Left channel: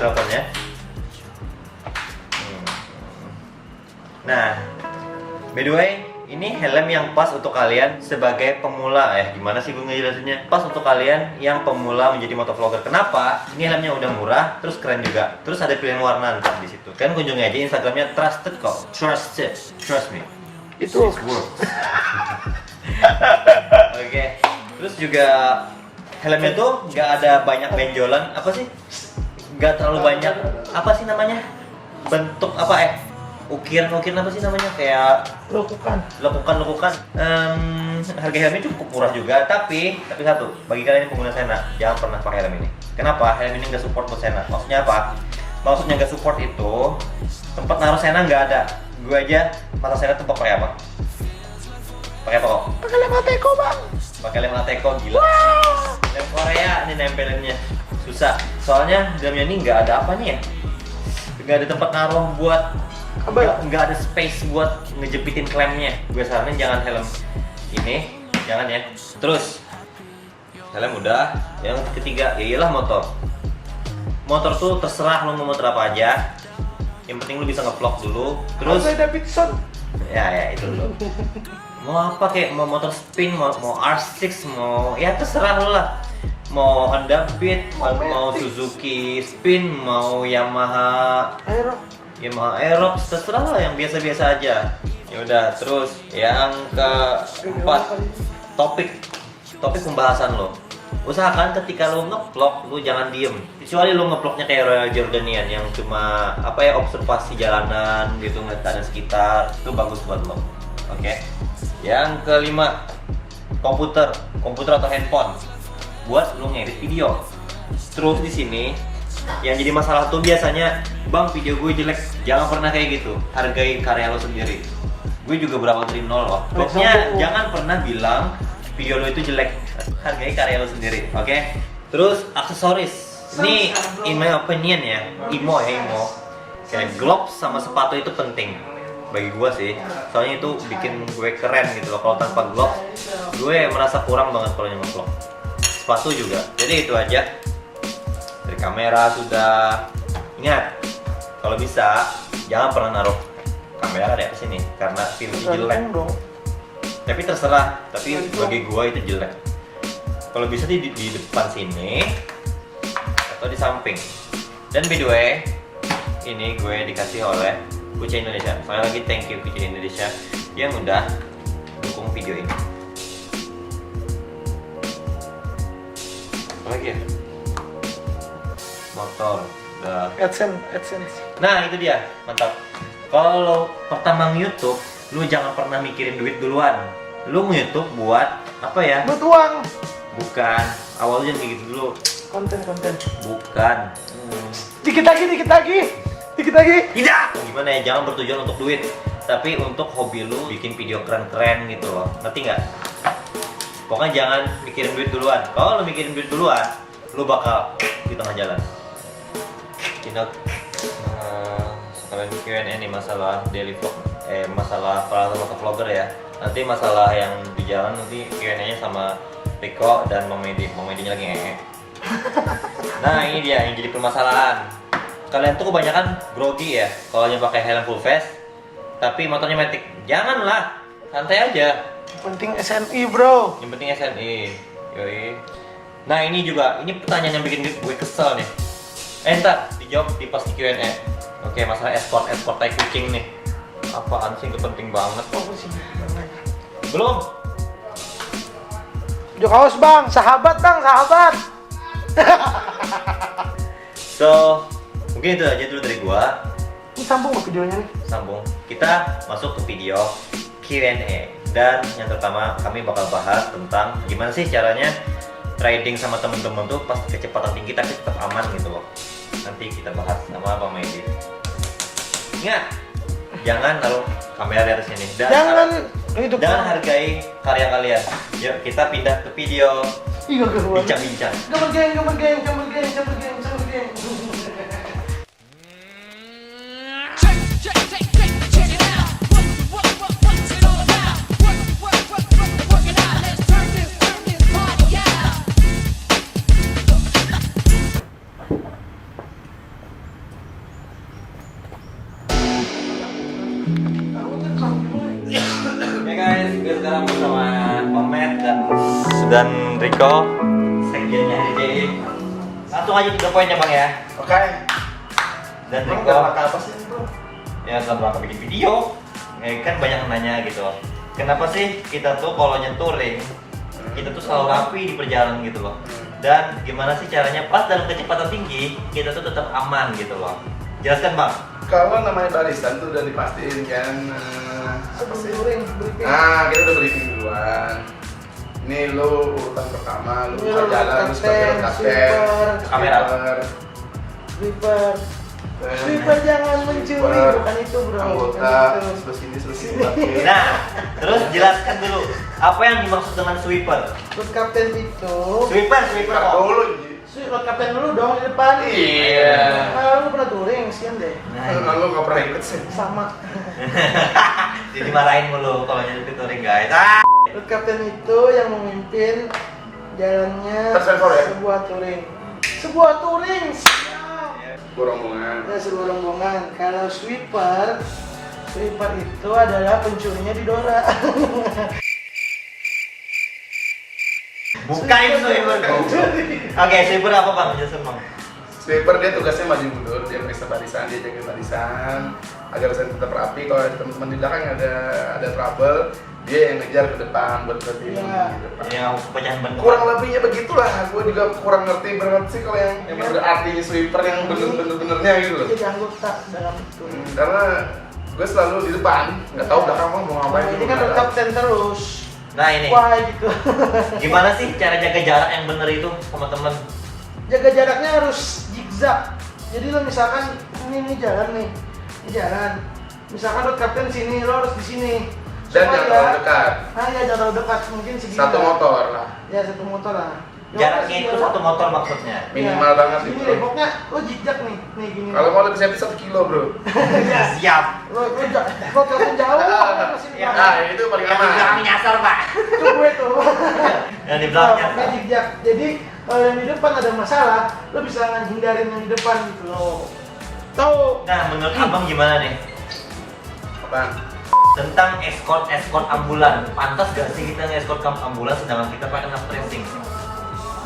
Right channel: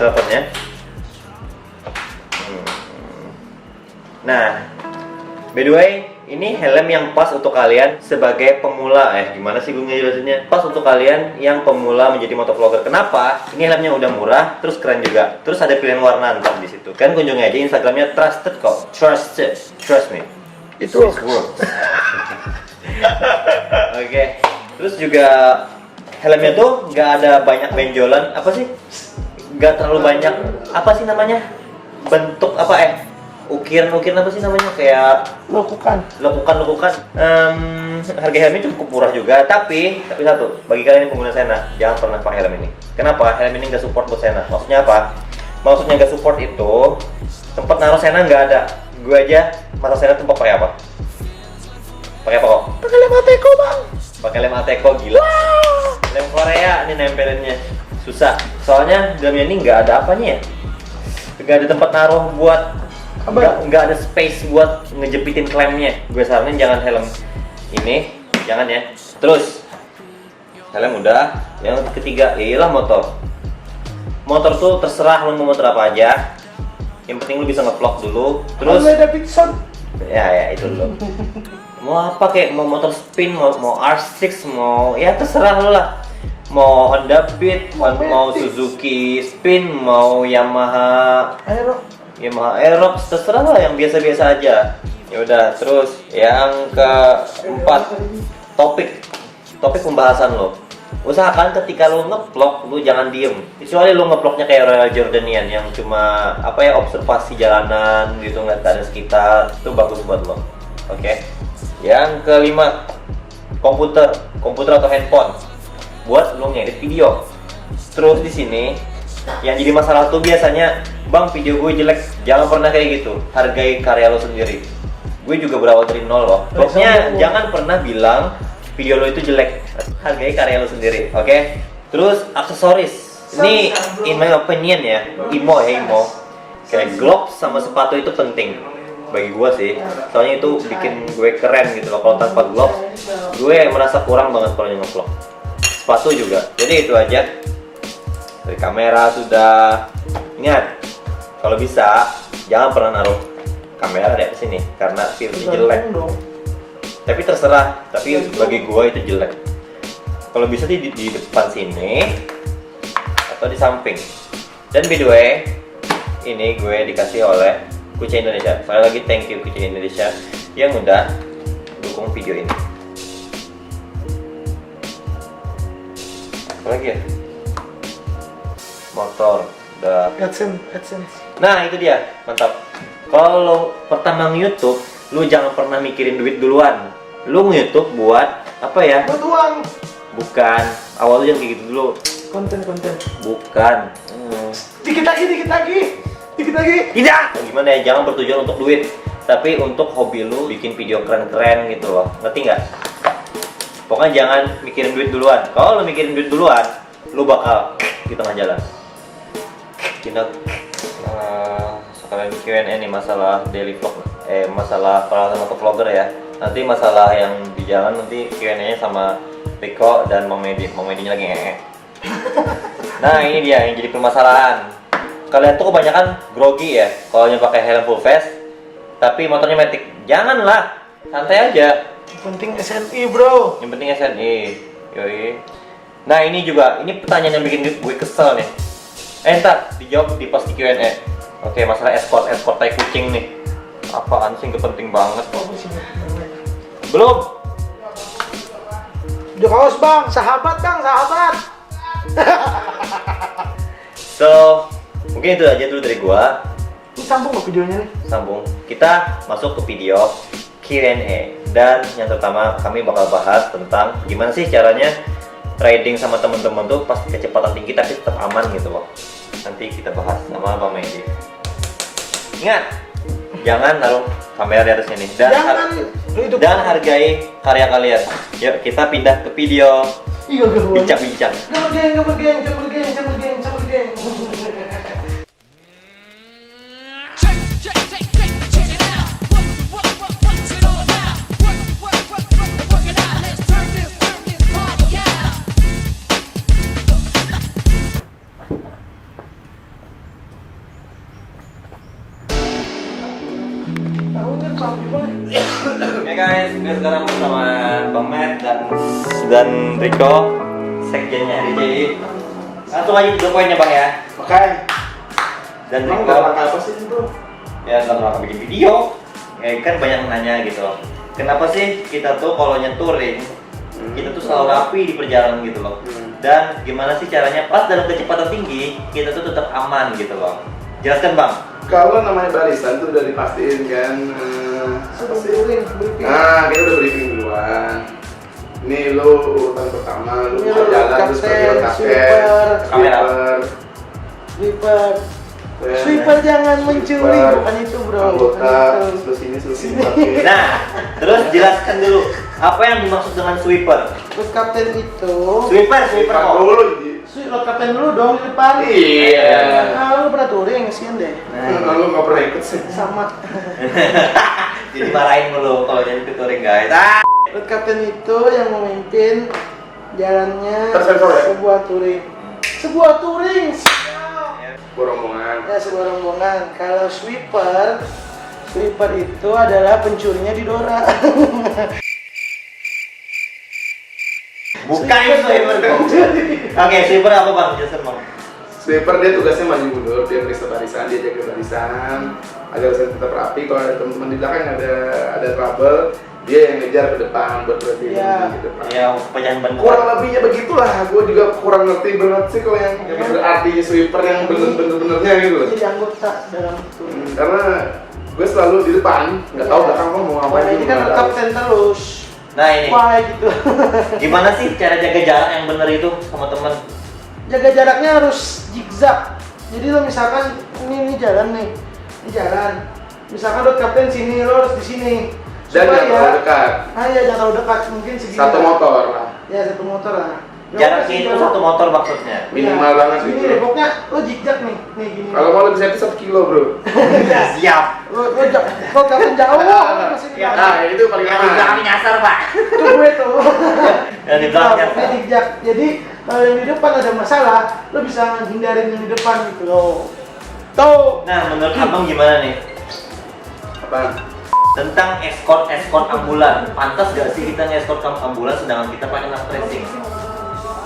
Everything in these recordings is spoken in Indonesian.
teleponnya. Nah, by the way, ini helm yang pas untuk kalian sebagai pemula. Gimana sih gue ngejelasinnya? Pas untuk kalian yang pemula menjadi motovlogger. Kenapa? Ini helmnya udah murah, terus keren juga. Terus ada pilihan warna ntar di situ. Kan kunjungi aja Instagramnya Trusted kok. Trusted, trust me. Itu. Oke. Terus juga helmnya tuh nggak ada banyak benjolan. Apa sih? Nggak terlalu banyak. Apa sih namanya? Bentuk apa ukiran-ukiran apa sih namanya, kayak Lekukan. Harga helmnya cukup murah juga, tapi satu, bagi kalian yang pengguna Sena, jangan pernah pakai helm ini. Kenapa? Helm ini nggak support buat Sena. Maksudnya apa? Maksudnya nggak support itu tempat naruh Sena nggak ada. Gue aja mata Sena tempat pakai apa? Pakai apa kok? Pakai lem Ateco bang. Pakai lem Ateco, gila. Wow. Lem Korea ini nempelinnya susah. Soalnya helmnya ini nggak ada apanya ya? Nggak ada tempat naruh buat, nggak ada space buat ngejepitin klemnya. Gue saranin jangan helm ini, jangan ya. Terus helm udah. Yang ketiga, iyalah motor. Motor tuh terserah lo mau motor apa aja. Yang penting lo bisa ngevlog dulu. Terus Davidson. ya itu lo. Mau apa, kayak mau motor spin, mau R6, mau ya terserah lo lah. Mau Honda Beat, mau Suzuki Spin, mau Yamaha Aerox, terserah lah, yang biasa-biasa aja. Ya udah, terus yang keempat, topik pembahasan lo. Usahakan ketika lo nge-vlog, lo jangan diem. Kecuali lo nge-vlognya kayak Royal Jordanian yang cuma observasi jalanan gitu, ngeliat keadaan sekitar, itu bagus buat lo. Oke. Yang kelima, komputer atau handphone buat lo ngedit video. Terus di sini yang jadi masalah tuh biasanya, bang video gue jelek. Jangan pernah kayak gitu. Hargai karya lo sendiri. Gue juga berawal dari nol loh. Pokoknya jangan pernah bilang video lo itu jelek. Hargai karya lo sendiri, oke? Terus aksesoris. Ini in my opinion ya, imo. Kayak gloves sama sepatu itu penting bagi gue sih. Soalnya itu bikin gue keren gitu loh. Kalau tanpa gloves, gue merasa kurang banget kalau nge-vlog. Sepatu juga. Jadi itu aja. Dari kamera sudah. Ingat, kalau bisa jangan pernah naruh kamera di atas sini karena filmnya jelek. Tapi terserah, tapi bagi gua itu jelek. Kalau bisa di depan sini atau di samping. Dan by the way, ini gue dikasih oleh Kucing Indonesia. Sekali lagi thank you Kucing Indonesia yang udah dukung video ini. Apa lagi ya? Motor udah. AdSense. Nah itu dia, mantap. Kalau pertama nge-YouTube, lu jangan pernah mikirin duit duluan. Lu nge-YouTube buat apa ya? Buat uang. Bukan. Awal lu jangan kayak gitu dulu. Konten. Bukan. Dikit lagi. Tidak. Gimana ya? Jangan bertujuan untuk duit, tapi untuk hobi lu bikin video keren-keren gitu loh. Ngerti nggak? Pokoknya jangan mikirin duit duluan. Kalau lu mikirin duit duluan, lu bakal di tengah jalan. Kita sekalian Q&A nih masalah daily vlog, masalah peralatan motovlogger ya. Nanti masalah yang di jalan nanti Q&A-nya sama Riko dan Mang Medinya lagi Nah ini dia yang jadi permasalahan. Kalian tuh kebanyakan grogi ya kalau yang pakai helm full face, tapi motornya matic. Janganlah, santai aja. Yang penting SNI bro. Yang penting SNI. Yoi. Nah ini juga, ini pertanyaan yang bikin gue kesel nih. Ntar dijawab di pas di Q&A. Oke, masalah escort tai kucing nih. Apaan sih, nggak penting banget. Belum. Udah kaos bang, sahabat. So, mungkin itu aja dulu dari gua. Ini sambung ke videonya nih. Sambung. Kita masuk ke video Q&A. Dan yang pertama kami bakal bahas tentang gimana sih caranya riding sama temen-temen tuh pasti kecepatan tinggi tapi tetap aman gitu loh. Nanti kita bahas sama Bang Medi. Ingat, jangan naruh kamera di atas sini dan hargai karya kalian. Yuk kita pindah ke video bincang-bincang. Gambar geng. Supir sekarang bersama Bang Matt dan Rico, sekjennya RJ. Langsung aja 3 poinnya Bang ya. Oke. Dan Emang Rico, dalam rangka apa sih itu? ya dalam rangka bikin video. Ya, kan banyak yang nanya gitu loh. Kenapa sih kita tuh kalau touring, kita tuh selalu rapi di perjalanan gitu loh. Dan gimana sih caranya pas dalam kecepatan tinggi, kita tuh tetap aman gitu loh. Jelaskan Bang. Kalau namanya barisan tuh udah dipastiin kan. Seperti touring, briefing. Nah, kita udah briefing duluan. Ini lo urutan pertama, lo Ini bisa lo jalan kapten, terus sebagai road captain, sweeper. Kamera. Sweeper. Sweeper jangan mencuri, Sweeper. bukan itu bro. Anggota, Bukan itu. terus ini, terus ini. Nah, terus jelaskan dulu apa yang dimaksud dengan sweeper. Road captain itu. Sweeper Bukan kok. dulu, Ji. Road captain dulu dong di depan. Iya. Nah, lu pernah touring, kasihan deh. Nah, lo nggak pernah ikut sih. Sama. Jadi marahin mulu kalau jadi touring guys. Road captain itu yang memimpin jalannya Tersensor ya? sebuah touring. Sebuah touring. Rombongan. Ya, sebuah rombongan. Kalau sweeper itu adalah pencurinya di Dora. Bukan itu sweeper kok. Oke, sweeper apa Bang? Jelaskan Bang. Sweeper dia tugasnya maju mundur, dia periksa barisan, dia jaga barisan agar barisan tetap rapi. Kalau ada teman-teman di belakang ada trouble, dia yang ngejar ke depan buat berhenti Iya. di depan. Ya, pecahan ban. Kurang lebihnya begitulah, gue juga kurang ngerti banget sih kalau yang berarti sweeper yang bener-benernya gitu loh. Jadi anggota dalam itu. Karena gue selalu di depan, nggak tahu Iya. belakang mau ngapain Nah, juga ini kan nggak road tahu. captain terus. Nah, ini. Wah, gitu. Gimana sih cara jaga jarak yang bener itu sama teman? Jaga jaraknya harus zigzag. Jadi lo misalkan ini jalan nih, ini jalan. Misalkan road captain sini, lo harus di sini. Dan jangan terlalu dekat, Nah ya jangan terlalu dekat, mungkin segini. satu lah. motor lah, Ya satu motor lah. Jaraknya itu 1 motor maksudnya. minimal banget Ini itu. deh, pokoknya lo zigzag nih gini. Kalau mau lebih safety 1 kilo bro. Siap. Lo captain jauh. masih di Ya, Nah itu paling Yang di aman. belakang nyasar Pak. Itu gue tuh. Yang di belakang Nah, nyasar. zigzag. Jadi kalau yang di depan ada masalah, lo bisa hindarin yang di depan gitu loh. Tuh. Nah, menurut Abang gimana nih Apaan? tentang escort ambulan? Pantas gak sih kita nge-escort ambulan sedangkan kita pakai knife tracing?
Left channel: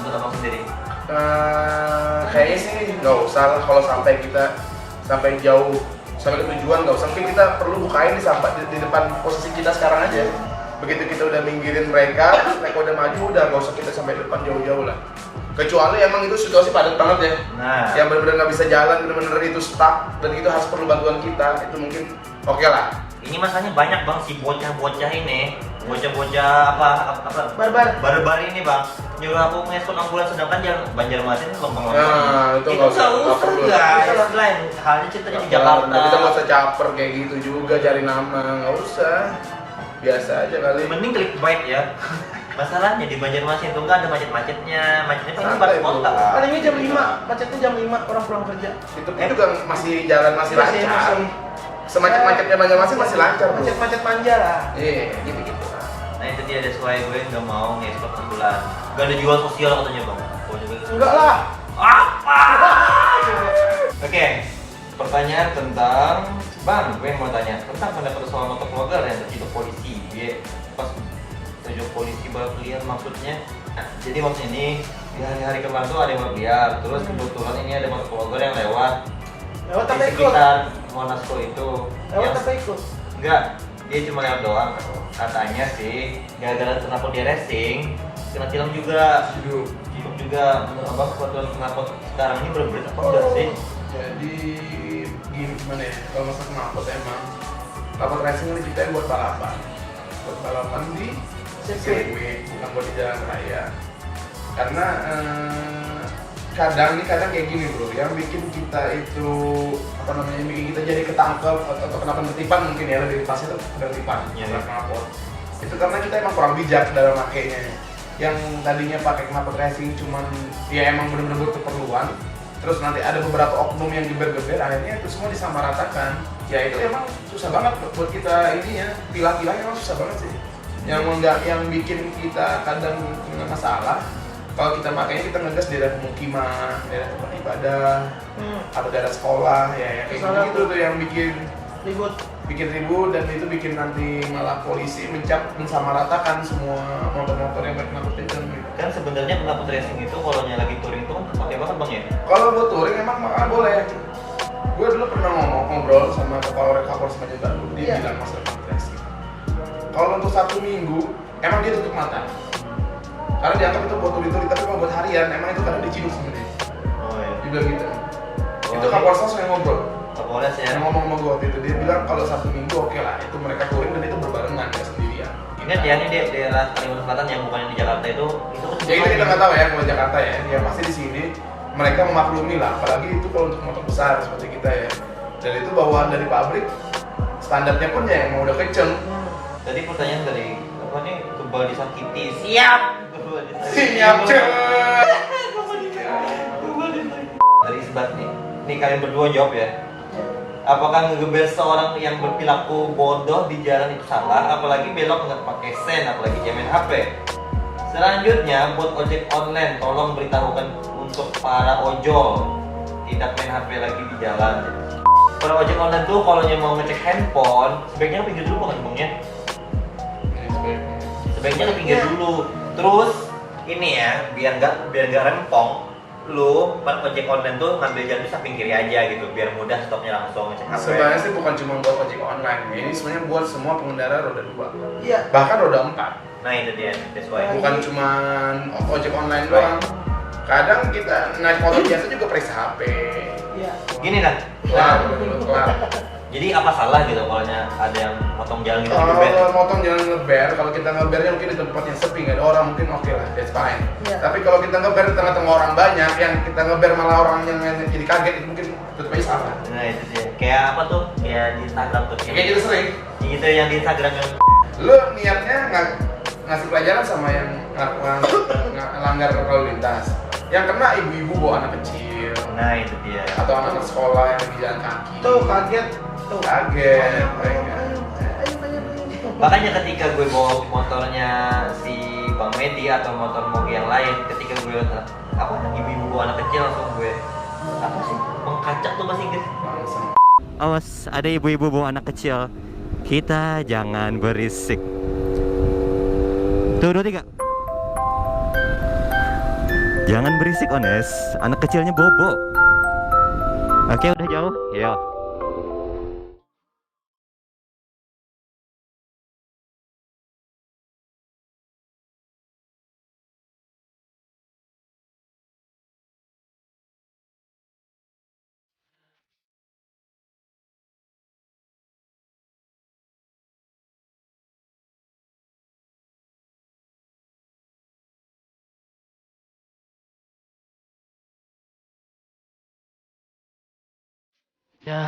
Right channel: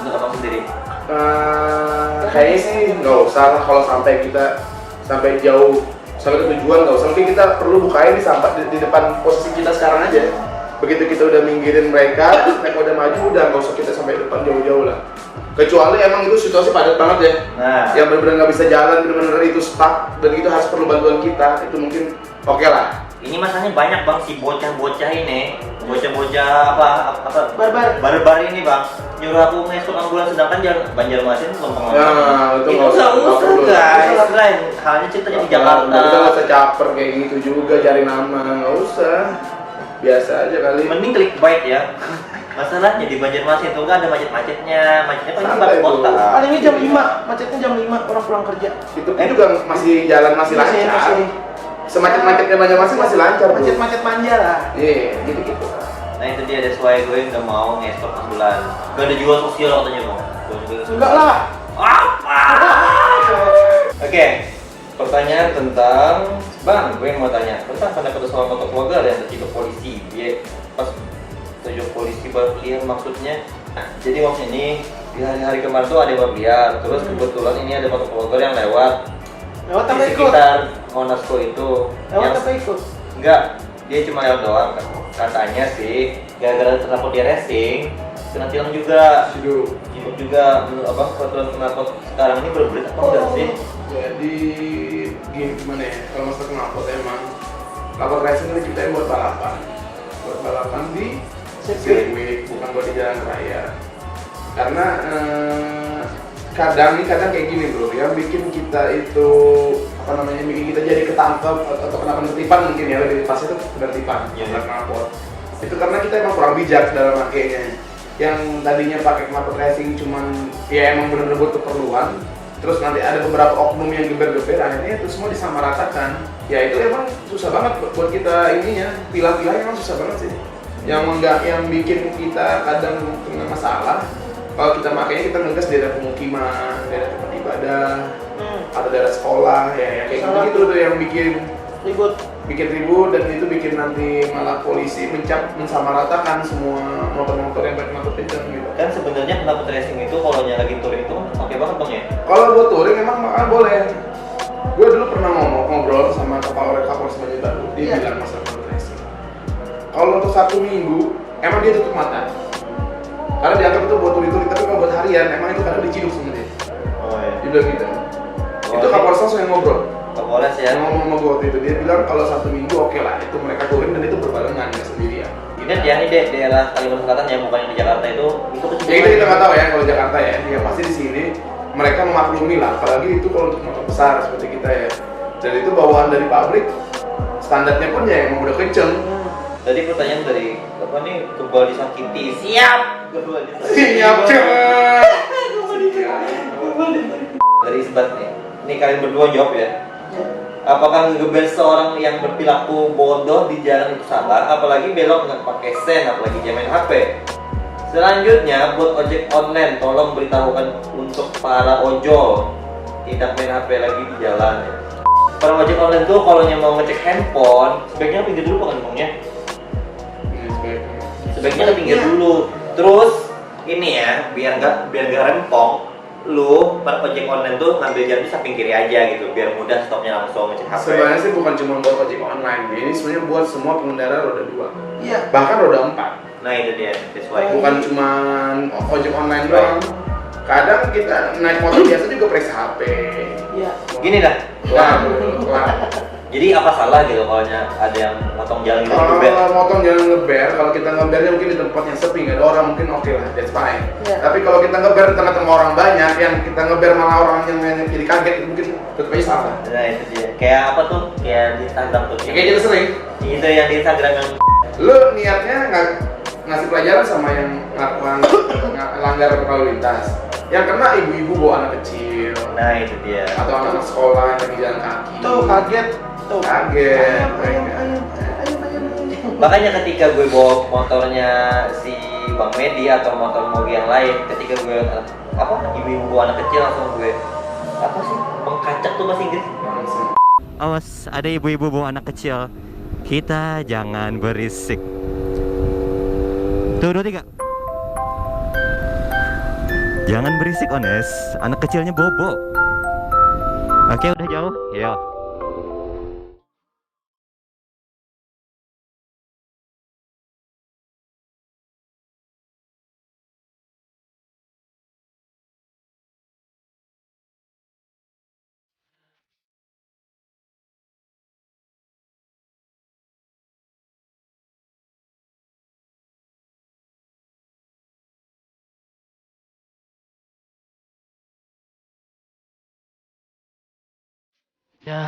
Menurut Abang sendiri? Kayaknya sih nggak usah lah kalau sampai kita sampai jauh sampai ke tujuan nggak usah, mungkin kita perlu bukain di depan posisi kita sekarang aja. Begitu kita udah minggirin mereka udah maju, udah nggak usah kita sampai depan jauh-jauh lah. Kecuali emang itu situasi padat banget ya, Nah, yang benar-benar nggak bisa jalan, benar-benar itu stuck dan itu harus perlu bantuan kita, itu mungkin oke lah. ini masanya banyak Bang si bocah-bocah ini, bocah-bocah apa Barbar. ini Bang, nyuruh aku nge-escort ambulan sedangkan Banjarmasin lempeng. Nah, itu nggak usah, nggak usah perlu. guys. Lain halnya ceritanya di Jakarta. Kita nggak usah caper kayak gitu juga, cari nama nggak usah, biasa aja kali. Mending clickbait ya. Masalahnya di Banjarmasin tuh nggak ada macetnya paling Santai, baru kota. bro. Palingnya jam 5, macetnya jam 5 orang pulang kerja. Itu pun juga masih jalan masih lancar. Masih. Semacet-macetnya Banjarmasin masih lancar bro. Macet-macet manja lah. Iya, gitu-gitu. Nah itu dia, that's why gue nggak mau nge-escort ambulan. Gak ada jiwa sosial katanya Bang. Gue juga Enggak lah. Apa? Oke, pertanyaan tentang Bang, gue mau tanya tentang pendapat soal motovlogger yang tertidur polisi. Dia pas tertidur polisi balap liar maksudnya. Nah, jadi maksudnya ini di hari-hari kemarin tuh ada balap liar. Terus kebetulan ini ada motovlogger yang lewat Lewat apa di ikut? sekitar Monaco itu. Lewat apa ikut? Enggak, dia cuma lewat doang. Katanya sih, gara-gara kenapa dia racing, kena tilang juga. Hidup. Hidup juga. Menurut Abang peraturan kenapa sekarang ini berbelit apa enggak sih? Jadi gimana ya? Kalau masalah knalpot emang knalpot racing ini kita buat balapan di sirkuit, bukan buat di jalan raya. Karena kadang kayak gini bro, yang bikin kita itu apa namanya, bikin kita jadi ketangkep atau kena penertiban mungkin ya, lebih pas itu penertiban, Iya. knalpot. Itu karena kita emang kurang bijak dalam makainya. Yang tadinya pakai knalpot racing cuman ya emang bener-bener butuh keperluan, terus nanti ada beberapa oknum yang geber-geber, akhirnya itu semua disamaratakan. Ya itu emang susah banget buat kita ininya, pilah-pilah emang susah banget sih. Yang bikin kita kadang kena masalah, kalau kita makanya kita ngegas di daerah pemukiman, daerah tempat ibadah, atau daerah sekolah, ya kayak gitu-gitu tuh yang bikin ribut. bikin ribut dan itu bikin nanti malah polisi mensamaratakan semua motor-motor yang berknalpot kenceng gitu. Kan sebenarnya knalpot racing itu kalau lagi touring itu kan oke banget bang ya. Kalau buat touring emang makan boleh. Gue dulu pernah ngobrol sama Kapolres Banjar Baru, dia Iya. bilang masalah knalpot racing. Kalau untuk Sabtu Minggu emang dia tutup mata. Karena dianggap itu buat touring, tapi kalau buat harian emang itu kadang diciduk sama dia. Oh iya. Dia bilang gitu. Itu Kapolres langsung yang ngobrol. Kapolres ya. Yang ngomong sama gue waktu itu, dia bilang kalau Sabtu Minggu oke lah, itu mereka touring dan itu berbarengan ya sendirian. Ingat ya ini daerah Kalimantan Selatan ya, bukan yang di Jakarta itu kecil. Ya kita nggak tahu ya kalau Jakarta ya, dia pasti di sini mereka memaklumi lah, apalagi itu kalau untuk motor besar seperti kita ya. Dan itu bawaan dari pabrik, standarnya pun ya emang udah kenceng. Jadi pertanyaan dari apa nih, kebal disakiti. Siap. Kebal disakiti. Siap cuy. Dari isbat nih. Nih kalian berdua jawab ya. Apakah ngegebel seorang yang berperilaku bodoh di jalan itu salah? Apalagi belok nggak pakai sen, apalagi dia main HP. Selanjutnya buat ojek online, tolong beritahukan untuk para ojol tidak main HP lagi di jalan. Para ojek online tuh kalau mau ngecek handphone, sebaiknya ke pinggir dulu kan ngomongnya. Sebaiknya ke pinggir dulu. Terus ini ya, biar nggak rempong. Lu para ojek online tuh ngambil jalan di samping kiri aja gitu, biar mudah stopnya langsung ngecek HP. Sebenarnya sih bukan cuma buat ojek online, ini sebenarnya buat semua pengendara roda 2. Iya. Bahkan roda 4. Nah itu dia, that's why. Bukan cuma ojek online doang. Kadang kita naik motor biasa juga periksa HP. Iya. Gini dah. Kelar. Jadi apa salah gitu kalau ada yang motong jalan gitu di gebet? Kalau motong jangan ngeber, kalau kita ngebernya mungkin di tempat yang sepi, nggak ada orang, mungkin oke lah, that's fine. Iya. Tapi kalau kita ngeber di tengah-tengah orang banyak, yang kita ngeber malah orang yang jadi kaget, mungkin tetap aja salah. Nah itu dia. Kayak apa tuh? Kayak di Instagram tuh. Kayak gitu sering. Itu yang di Instagram kan. Lu niatnya ngasih pelajaran sama yang langgar lalu lintas. Yang kena ibu-ibu bawa anak kecil, Nah itu dia. atau anak-anak sekolah yang lagi jalan kaki. Tuh kaget. Tuh. Kaget mereka. Ayo. Makanya ketika gue bawa motornya si Bang Medi atau motor Mogi yang lain, ketika gue apa ibu-ibu bawa anak kecil langsung gue apa sih mengkacak tuh bahasa Inggris. Langsung. Awas ada ibu-ibu bawa anak kecil, kita jangan berisik. Tuh 2 3. Jangan berisik Ones, anak kecilnya bobo. Oke udah jauh, ya.